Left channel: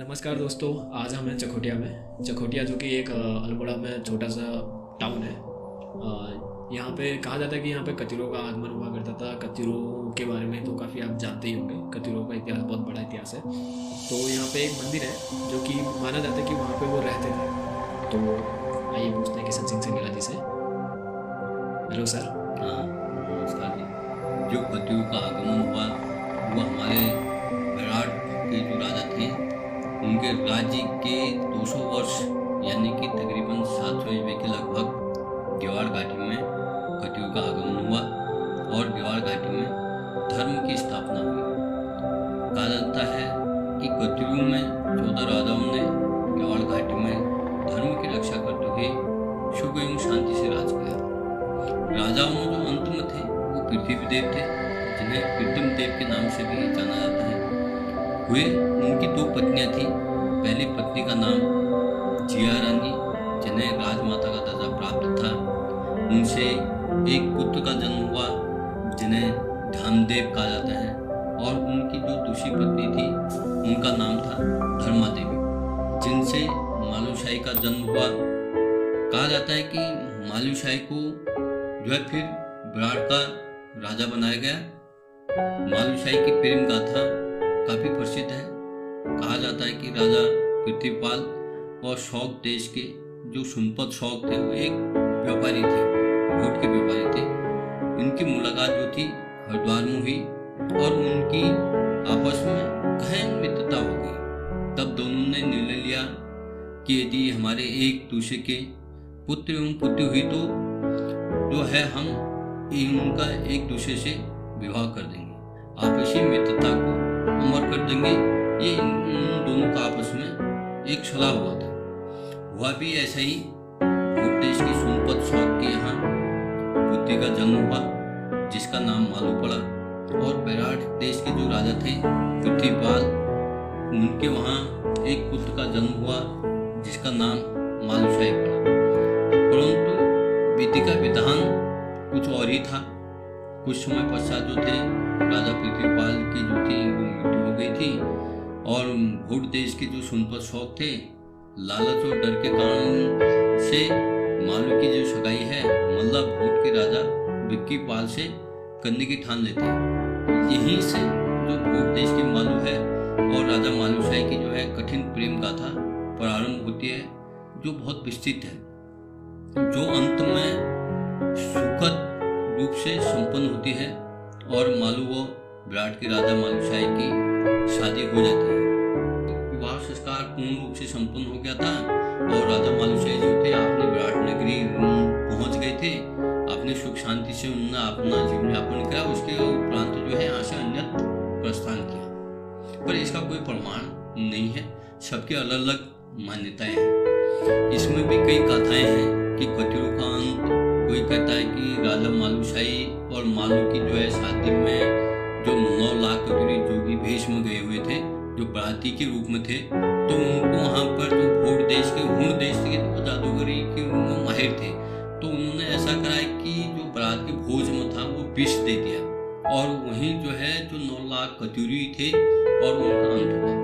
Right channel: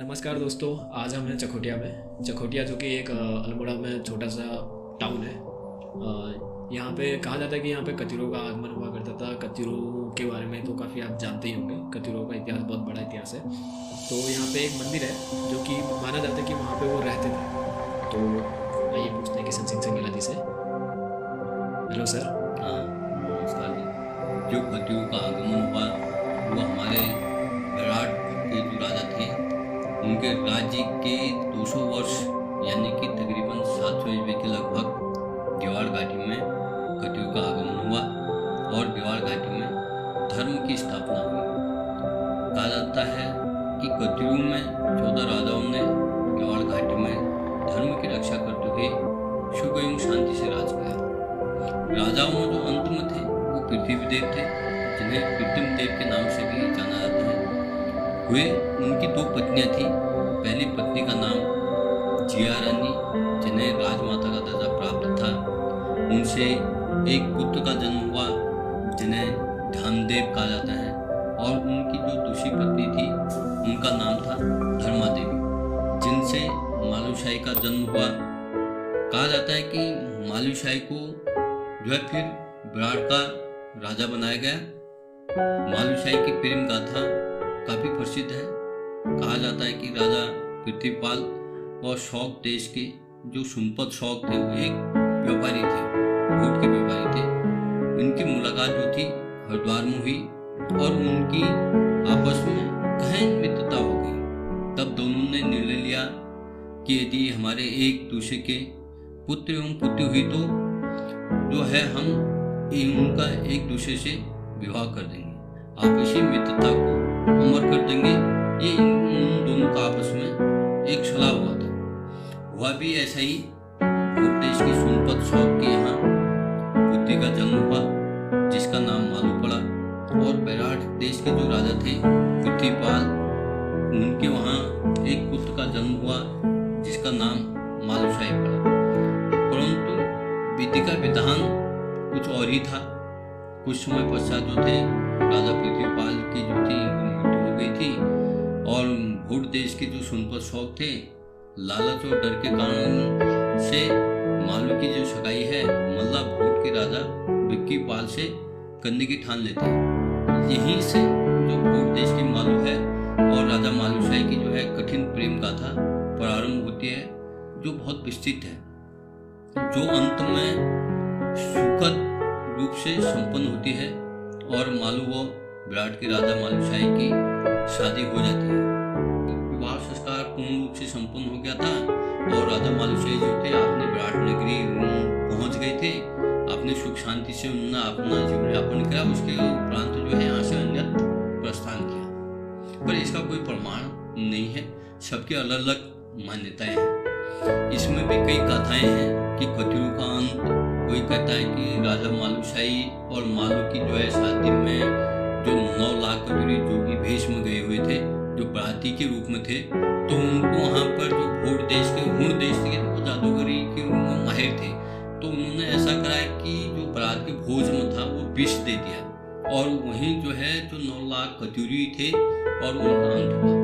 नमस्कार दोस्तों, आज हम हैं चकोटिया में। चकोटिया जो कि एक अल्मोड़ा में छोटा सा टाउन है। यहाँ पे कहा जाता है कि यहाँ पे कतिरों का आगमन हुआ करता था। कतिरों के बारे में तो काफ़ी आप जानते ही होंगे। कतिरों का इतिहास बहुत बड़ा इतिहास है। तो यहाँ पे एक मंदिर है जो कि माना जाता है कि वहाँ पे वो रहते थे। तो आइए पूछते हैं किशन सिंह संगेला जी से। Hello sir. हाँ, नमस्कार जी। जो कतिरों का आगमन हुआ वो हमारे विराट के जो राजा थे उनके राज्य के 200 वर्ष यानी कि तकरीबन 700 ईस्वी के लगभग गेवाड़ घाटी में कतिरों का आगमन हुआ और गेवाड़ घाटी में धर्म की स्थापना हुई। कहा जाता है कि कतिरों में 14 राजाओं ने गेवाड़ घाटी में धर्म की रक्षा करते हुए सुख एवं शांति से राज किया। राजाओं में जो अंत में थे वो पृथ्वी देव थे, जिन्हें कृत्रिम देव के नाम से भी जाना जाता है। हुए उनकी 2 पत्नियां थी। पहली पत्नी का नाम जिया रानी, जिन्हें राजमाता का दर्जा प्राप्त था। उनसे एक पुत्र का जन्म हुआ जिन्हें ध्यानदेव कहा जाता है। और उनकी जो दूसरी पत्नी थी उनका नाम था धर्मा देवी, जिनसे मालूशाही का जन्म हुआ। कहा जाता है कि मालूशाही को जो है फिर विराट का राजा बनाया गया। मालूशाही की प्रेम गाथा काफी प्रसिद्ध है। कहा जाता है कि राजा पृथ्वीपाल और शौक देश के जो सुनपत शौक थे वो एक व्यापारी थे, ऊँट के व्यापारी थे। इनकी मुलाकात जो थी हरिद्वार में हुई और उनकी आपस में गहन मित्रता हो गई। तब दोनों ने निर्णय लिया कि यदि हमारे एक दूसरे के पुत्र एवं पुत्री हुई तो जो है हम उनका एक दूसरे से विवाह कर देंगे, आपसी मित्रता को अमर कर देंगे। ये उन दोनों का आपस में एक सलाह हुआ था। हुआ भी ऐसा ही। ऊँट देश की सुनपत शौक के यहाँ पुत्री का जन्म हुआ जिसका नाम मालू पड़ा। और विराट देश के जो राजा थे पृथ्वीपाल, उनके वहाँ एक पुत्र का जन्म हुआ जिसका नाम मालूशाही पड़ा। परंतु विधि का विधान कुछ और ही था। कुछ समय पश्चात जो थे राजा पृथ्वीपाल की जो थी मृत्यु हो गई थी। और भोट देश के जो सुनपत शौक थे, लालच और डर के कारण से मालू की जो सगाई है मल्ला भोट के राजा विक्कीपाल से करने की ठान लेते हैं। यहीं से जो भोट देश की मालू है और राजा मालूशाही की जो है कठिन प्रेम गाथा प्रारंभ होती है, जो बहुत विस्तृत है, जो अंत में सुखद रूप से संपन्न होती है। और मालू व विराट के राजा मालूशाही की शादी हो जाती है। विवाह संस्कार पूर्ण रूप से संपन्न हो गया था और राजा मालूशाही जो थे अपने विराट नगरी पहुंच गए थे। अपने सुख शांति से उन्होंने अपना जीवन यापन किया। उसके उपरांत जो है यहाँ से अन्यत्र प्रस्थान किया। पर इसका कोई प्रमाण नहीं है, सबके अलग अलग मान्यताएं हैं। इसमें भी कई कथाएं हैं कि कतिरों का अंत, कोई कहता है कि राजा मालूशाही और मालू की जो है शादी में जो 9 लाख कतिरी जोगी भेष में गए हुए थे, जो बराती के रूप में थे, तो उनको वहाँ पर जो भोट देश के हुण देश के वो जादूगरी के में माहिर थे। तो उन्होंने ऐसा करा कि जो बरात के भोज में था वो विष दे दिया और वहीं जो है जो 9 लाख कतिरी थे और उनका अंत हुआ।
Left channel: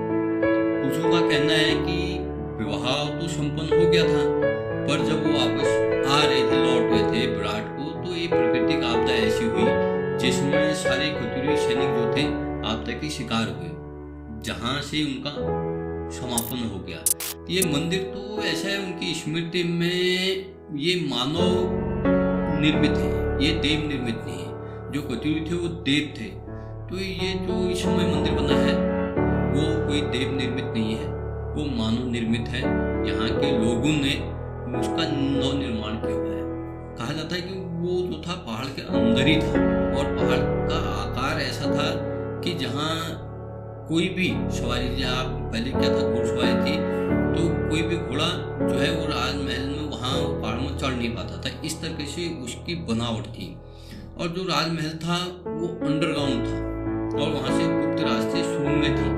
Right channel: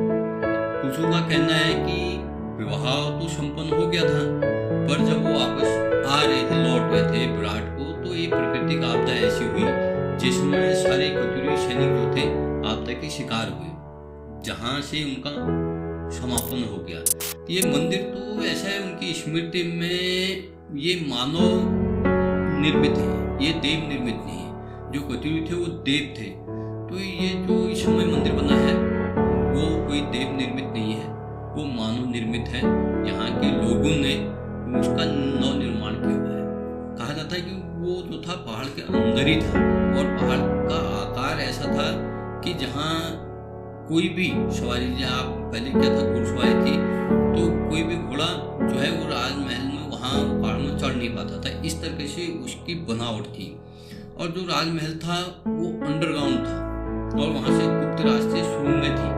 कुछों का कहना है कि विवाह तो संपन्न हो गया था, पर जब वो वापस आ रहे थे, लौट रहे थे विराट को, तो ये प्राकृतिक आपदा ऐसी हुई जिसमें सारे कतिरी सैनिक जो थे आपदा के शिकार हुए, जहां से उनका समापन हो गया। ये मंदिर तो ऐसा है, उनकी स्मृति में ये मानव निर्मित है, ये देव निर्मित नहीं है। जो कतिरी थे वो देव थे, तो ये जो इस समय मंदिर बना है वो कोई देव निर्मित नहीं है, वो मानव निर्मित है। यहाँ के लोगों ने उसका नव निर्माण किया हुआ है। कहा जाता है कि वो जो था पहाड़ के अंदर ही था और पहाड़ का आकार ऐसा था कि जहाँ कोई भी सवारी, जहाँ आप पहले क्या था घुड़सवारी थी, तो कोई भी घोड़ा जो है वो राजमहल में वहाँ पहाड़ में चढ़ नहीं पाता था। इस तरह से उसकी बनावट थी। और जो राजमहल था वो अंडरग्राउंड था और वहाँ से गुप्त रास्ते सुरंगें थी।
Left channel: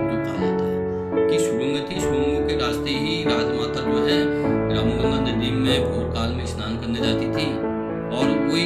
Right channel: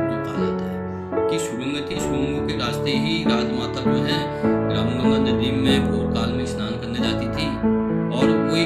जो कहा जाता है कि सुरंगें थी, सुरंगों के रास्ते ही राजमाता जो है रामगंगा नदी में भोर काल में स्नान करने जाती थी और वही